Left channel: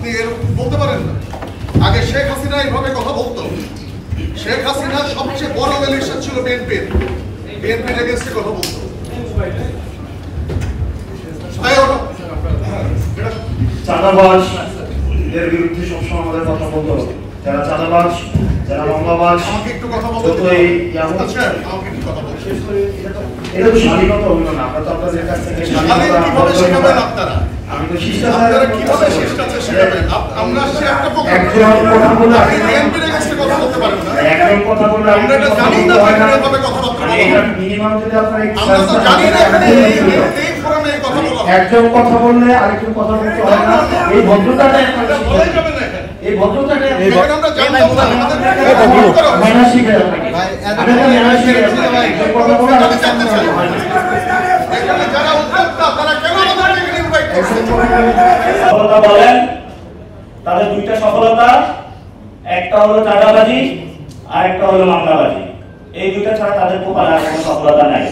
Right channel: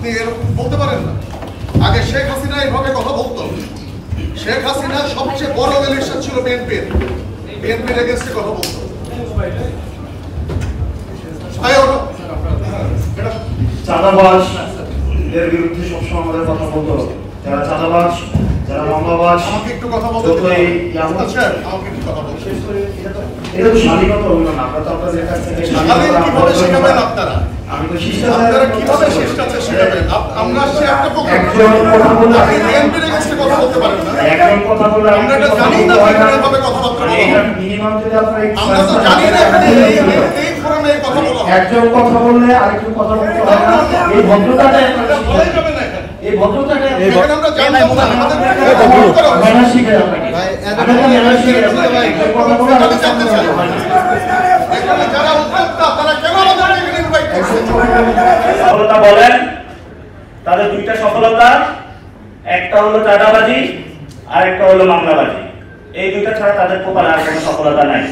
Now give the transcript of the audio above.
আপনি এরকম বলতে পারেন না। আগে শেখ হাসিনা এইভাবে কথা বলতো। শেখ হাসিনা সবচেয়ে বড় ইলেকশন ছিল বিএনপির এগেন্সটে কথা বলতো। চাঁদাবাজ এর বিরুদ্ধে সবসময় আমাদের কথা বলতো। যারা চাঁদাবাজ, যারা মামলাবাজ, আমাকে একটু কথা বলতে এটা তো স্বাধীনতা হলো না। আমরা তো আপনাদের কাছ থেকে আমি তো শিষ্টাচার কিভাবে শিষ্টাচার শেখাবেন? আমরা সে একটা একজন কথা বললে কথা বলতে পারেন না। একজন কথা বললে আমরা এটা জানি না কিভাবে কথাবার্তা বলবো। মিনিমাম যদি আপনারা আমরা তো জানি না এখানে এই ফোরামে কথা বলা একজন কথা বললে আরেকজন কথা বলতে হয় না। এই ভদ্রতাটা বলাই যাবে না। এই ভদ্রতাটা আমরা জানতাম না। আমাদের মেনা শিখে আপনাকে মেনা শিখে ভাই কথা বলে আমি জানতে চাই এখানে যারা উদ্যোক্তা তারা কেন আমাদেরকে এখানে ইনভাইট করছে? সফলতা বলেন তাদের দুইটা সফলতা, একটা হলো চাঁদাবাজি আর একটা হলো মামলাবাজি। এই দুইটা ছাড়া তাদের কপালে আর কোনো সফলতা নাই।